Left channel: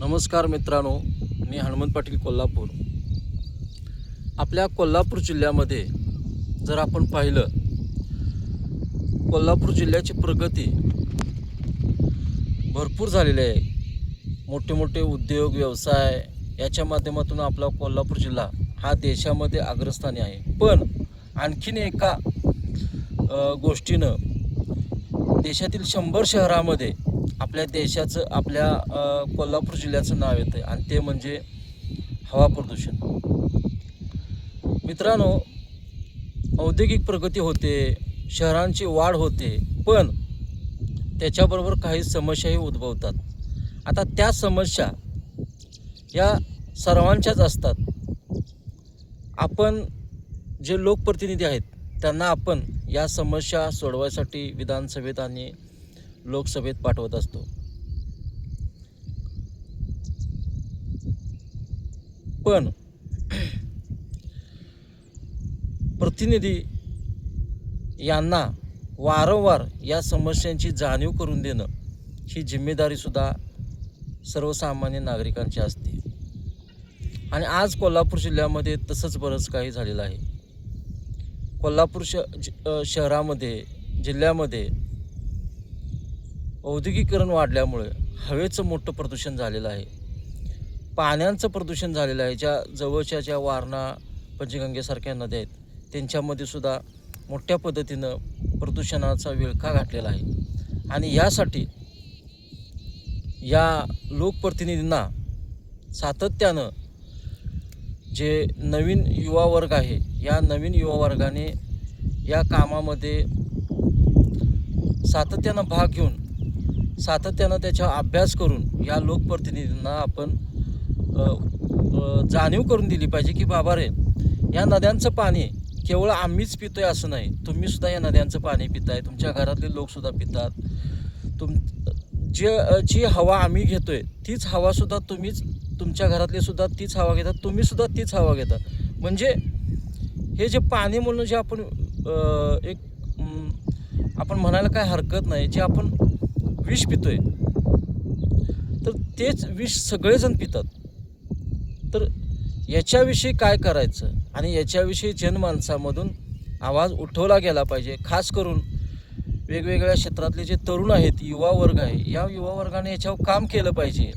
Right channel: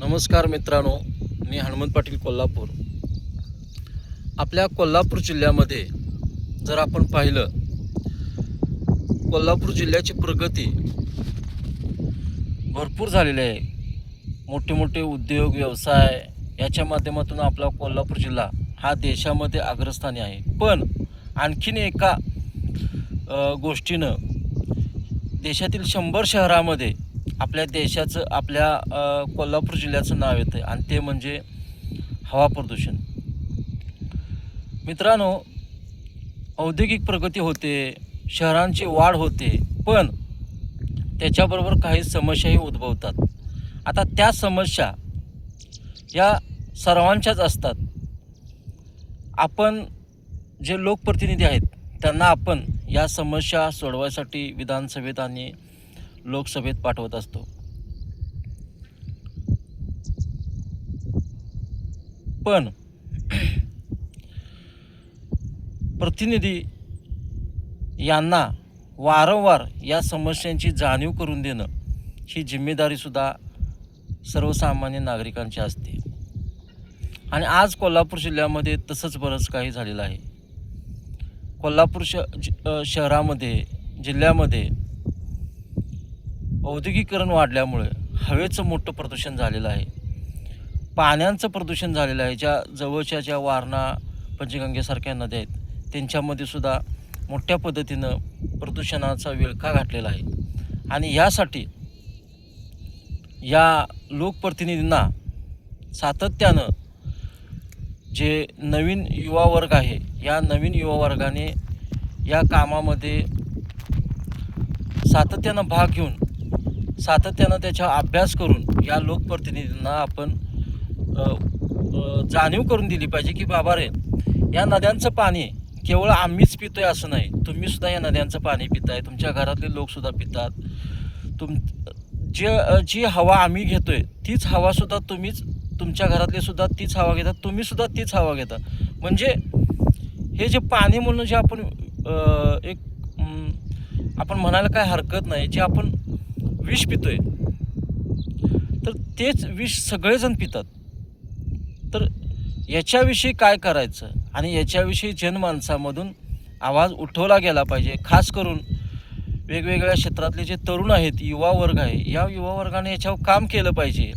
नमस्कार मित्रांनो, मी हनुमंत पाटील कोल्हापूर. आपल्या कोल्हापूर जिल्ह्यामध्ये जर आपण पाहिलं, कोल्हापूर जिल्ह्याची प्रगती भरपूर झालेली आहे. मोठे मोठे उद्योग व्यवसाय याच्या माध्यमातून आपला कोल्हापूर जिल्हा हा देशामध्ये अग्रस्थानी आहे. पण आणखीन एका गोष्टीनं देशातील 100 शहरामध्ये आपल्या देशाचं कोल्हापूर जिल्ह्याचं नाव येतं आणि ते म्हणजे हवा प्रदूषण. मित्रांनो, औद्योगिक प्रगती होते, शहरांची वाढ होते, पण त्याच्याबरोबर काही समस्याही उद्भवतात. आता त्या समस्या या सर्वांच्याच असतात. आपण जे लोकप्रतिनिधी आहेत त्यांना आपण या समस्या सोडवायसाठी विधानसभेत आणि लोकसभेत पाठवत असतो. पण प्रतिनिधी यांना वारंवार या समस्यांची जाणीव करून देणं ही जिम्मेदारीसुद्धा सर्वसामान्य नागरिकांची असते. आणि आज कोल्हापूर जिल्ह्यामध्ये तसंच बरंच काही झालेलं आहे. कोल्हापूर शहरामध्ये जिल्ह्यामध्ये औद्योगिकीकरण वाढल्यामुळे हवेचं मोठं प्रदूषण झालेलं आहे. पाण्याचं प्रदूषण झालेलं आहे. जवळच्या वारणा, पंचगंगेसारख्या नद्या आहेत त्यांच्यामध्ये सुद्धा मोठ्या पद्धतीनं प्रदूषणाचा विळखा घातलेला आहे. आणि यासाठी या लोकप्रतिनिधींना सातत्यानं जे नवीन युवा वर्ग आहे, या नवीन युवा वर्गाने या कामामध्ये सातत्यानं भाग घेऊन सातत्यानं त्याचा अभ्यास करून या लोकप्रतिनिधींना आपण जाणीव करून दिली पाहिजे की बाबा रे, या नद्यांचं पाणी केवळ आम्हीच पितोय असं नाही, तुम्हीसुद्धा या नद्यांचं पाणी पिताय, तुमच्या घरातले लोकसुद्धा पितात. जी हवा आम्ही घेतोय तीच हवासुद्धा तुमच्या घरातले सुद्धा तीच हवा घेतात, तुम्हीसुद्धा तीच हवा घेता. म्हणजे हे जे पाणी म्हणून जे आपण आपण म्हणायला काय हरकत नाही, जे आपण विष पितोय तर तेच विष सगळेजण पितात. तर याच्याविषयी काय करायचं आणि याच्याविषयी जनमानसामधून आवाज उठवला गेला पाहिजे. खास करून वेगवेगळ्या क्षेत्रातले जे तरुण आहेत, युवा वर्ग आहे, या युवा वर्गाने याच्यावर काम केलं पाहिजे.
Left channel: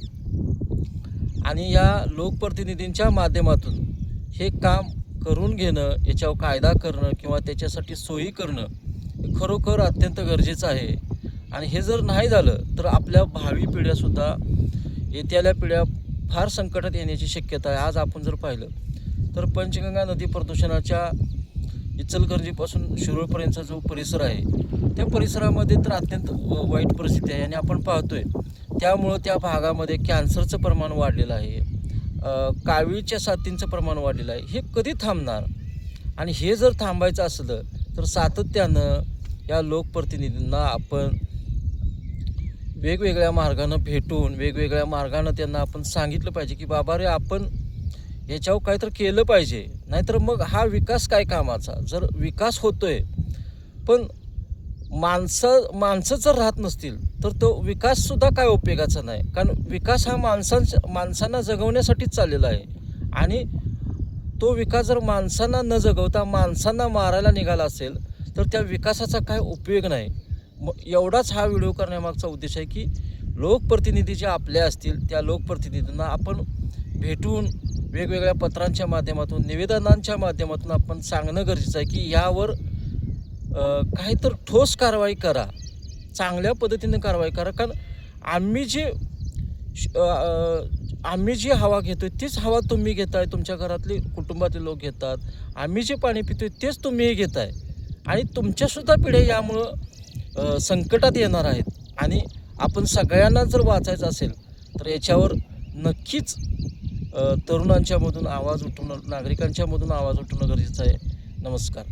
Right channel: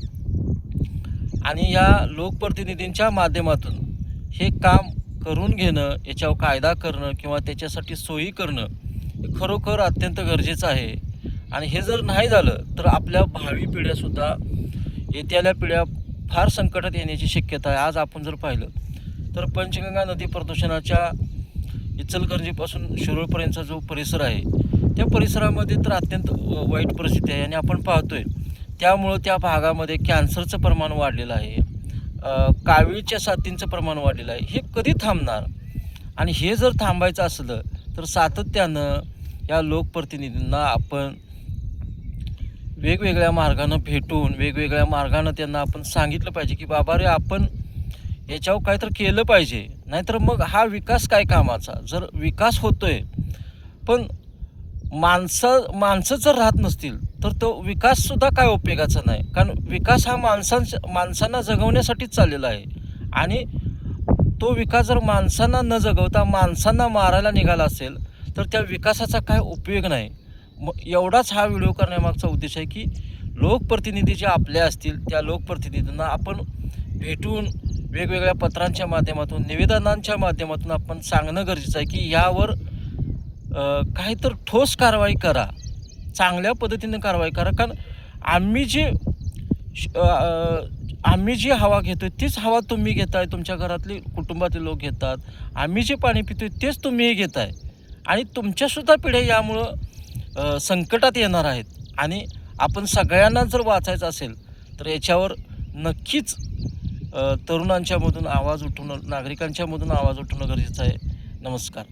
आणि या लोकप्रतिनिधींच्या माध्यमातून हे काम करून घेणं, याच्यावर कायदा करणं किंवा त्याच्यासाठी सोयी करणं हे खरोखर अत्यंत गरजेचं आहे. आणि हे जर नाही झालं तर आपल्या भावी पिढ्यासुद्धा, येत्याल्या पिढ्या फार संकटात येण्याची शक्यता आहे. आज आपण जर पाहिलं तर पंचगंगा नदी प्रदूषणाच्या इचलकरंजीपासून शिरोळपर्यंतचा जो परिसर आहे, त्या परिसरामध्ये तर अत्यंत वाईट परिस्थिती आहे. आणि आपण पाहतोय त्यामुळं त्या भागामध्ये कॅन्सरचं प्रमाण वाढलेलं आहे, कावीळच्या साथींचं प्रमाण वाढलेलं आहे. हे कधी थांबणार? आणि हे जर थांबायचं असलं तर सातत्यानं या लोकप्रतिनिधींना आपण वेगवेगळ्या मार्गानं भेटून, वेगवेगळ्या मार्गानं त्यांना आपण सांगितलं पाहिजे की बाबा रे, आपण याच्यावर काहीतरी केलं पाहिजे. नाहीतर मग हा विकास काय कामाचा? जर विकास होतोय पण माणसं जर राहत नसतील तर तो विकाससुद्धा काय उपयोगाचा नाही. कारण विकास हा माणसांना जगवण्यासाठीच चाललेला आहे. आणि तो विकास जर माणसांना न जगवता माणसांना मारायला निघाला असेल तर त्या विकासाचा काय उपयोग नाही. एवढाच हा व्हिडिओ करण्यामागचा उद्देश आहे की लोकप्रतिनिधी जे आपले असतील त्या लोकप्रतिनिधींना आपण भेटून वेगवेगळ्या पत्रांच्या माध्यमातून, निवेदनांच्या माध्यमातून आपण सांगणं गरजेचं आहे की यावर काहीतरी ठोस कारवाई करा, चांगल्या पद्धतीने कारवाई करा. कारण आम्ही जी हवा घेतोय तीच हवा तुम्ही घेताय, तुमच्या घरातले कुटुंबातील लोक घेतात. आम्ही जे पाणी पितोय तेच तुम्हीही घेताय. आणि तुमच्यासुद्धा पिढ्या यामुळं संकटात येणार आहेत. आणि आपण सगळ्यांना जर वाचायचं असेल तर याच्यावर नक्कीच तरुणांच्यामधून आवाज उठवणं, नागरिकांच्यामधून आवाज उठवणं गरजेचं आहे. नमस्कार.